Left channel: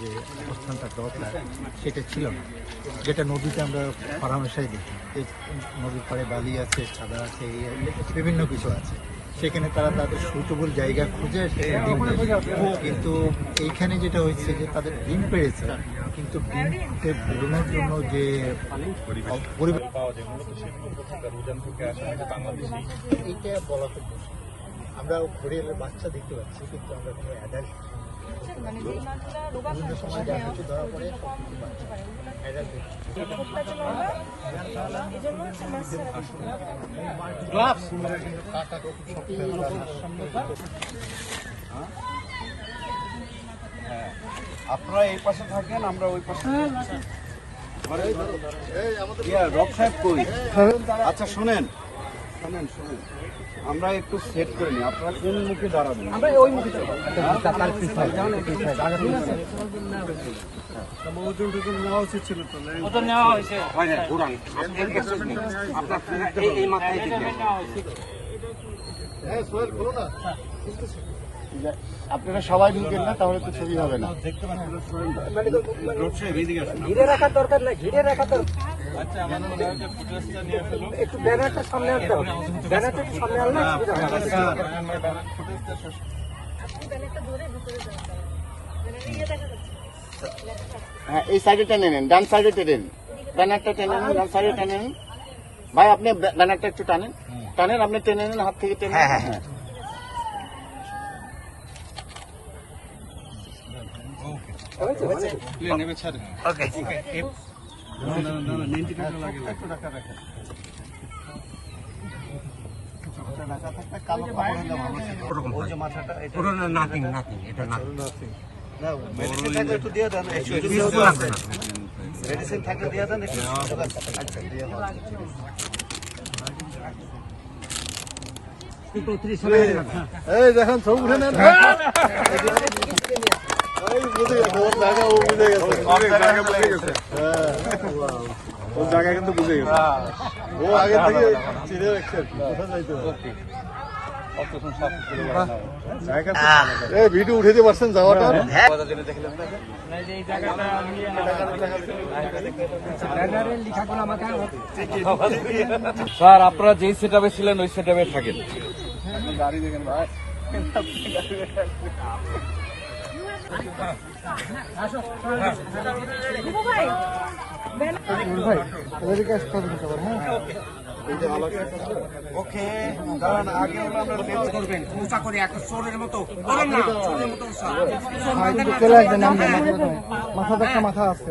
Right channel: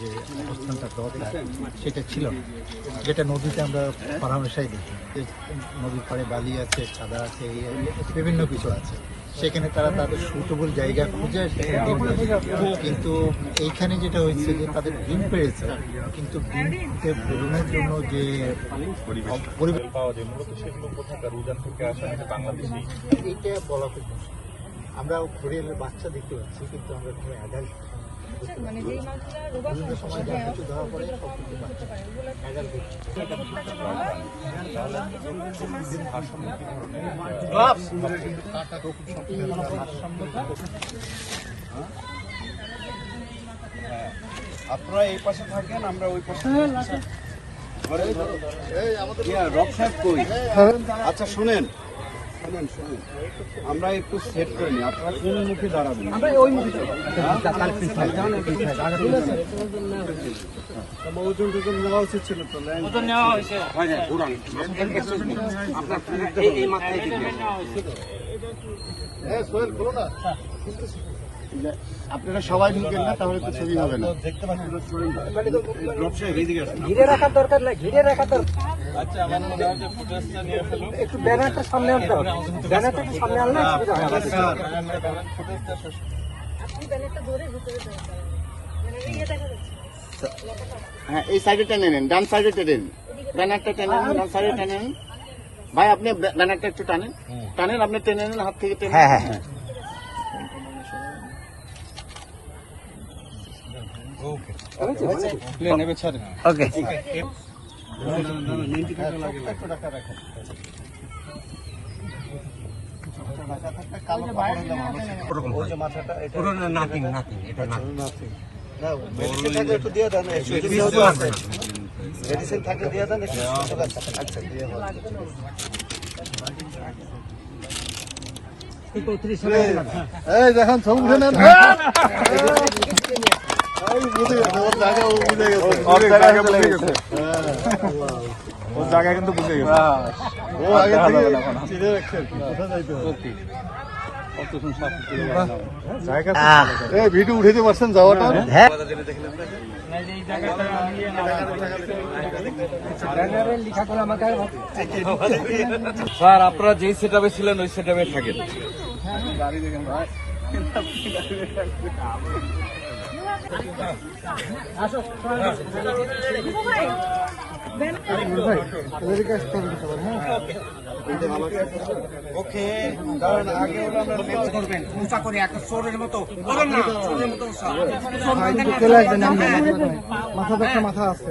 যে অবস্থানটা দরকার সেটা ছিল না যেটা নদীতে আমরা পরামর্শাই দেখি যে নদীর পাড়ে বালি আছে সাদা আছে বিভিন্ন কিছু আছে। সেখানে তারা তাদের সুইটেবল জায়গা খুঁজে সেখানে ডিম কিন্তু এইখানে যেটা হচ্ছে যে তাদের ডিম পেড়েছে, কিন্তু ডিমকে বেরোনোর জন্য যে পরিবেশ। আমরা ঘুরে বাচ্চা দেখতে পাচ্ছি, কিন্তু আমরা মানে যে মাছটা রোগা হ্যাঁ হতে পারে ওগুলো আপনারা এই পাশে থাকেন আমরা ওই পাশে রক সাহেব কই? আচ্ছা শুনেন। শুনেন শুনেন আমরা একটু সেট করে নিই আপনারা কোন মুখে দাঁড়াবেন। ওজন টোজন নেওয়া উচিত ছিল তো হয় না আপনার এই মাথায় আপনারা সবাই ঢুকেন না তাহলে তো ছবি হবে না। দেখতে পাচ্ছি ঘিরে রাখার দরকার নাই ঘিরে রাখার দরকার। একটু ব্যানারটা সামনে আনতে হবে। ব্যানারটা একটু সামনে আনলে যাচ্ছে। হ্যাঁ এই সাইডে টেনে নেন ডান সাইডে টেনে নেন। ব্যানারটা টেনে নেন ডান সাইডে টেনে নেন। ভাই আপনি ব্য- ব্যানারটা একটু টানেন। টানেন আপনি টেনে নেন হাত থেকে টেনে হ্যাঁ হ্যাঁ ওকে। নাথিং এটা নাথিং মেডিসিন থাকলে দিয়ে দেন আচ্ছা দিয়ে এই দেখেন সব উঠে নেন ভিডিও উঠাইতে পারছেন যাওয়াটা স্যার আপনারা যেই সেট আপে ছিলেন ওই সেট আপে থাকেন। ওকে দাঁড়ান আগে হলো আমরা বের করবেন উঁচা করে একটা চোরের মতো করুন না চোরের মতো উঁচা। চোর মাথা আছে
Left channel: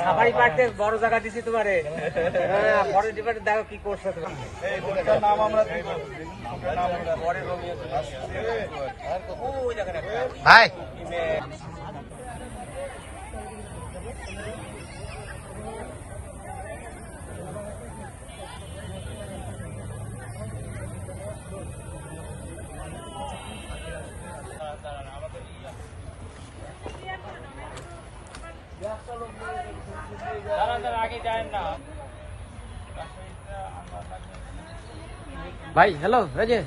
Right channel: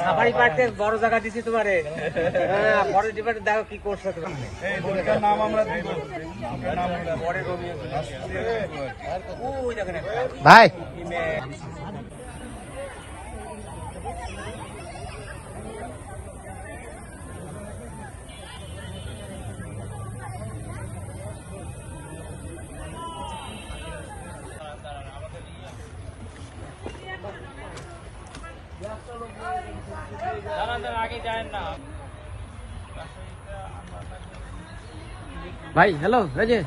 সাফারি পার্কে বড় জায়গা দিছি তোমারে। হ্যাঁ, বড় ডিপার্টমেন্ট দেখো কি করছ নাম আমরা ভাই। ভাই হ্যালো এই যে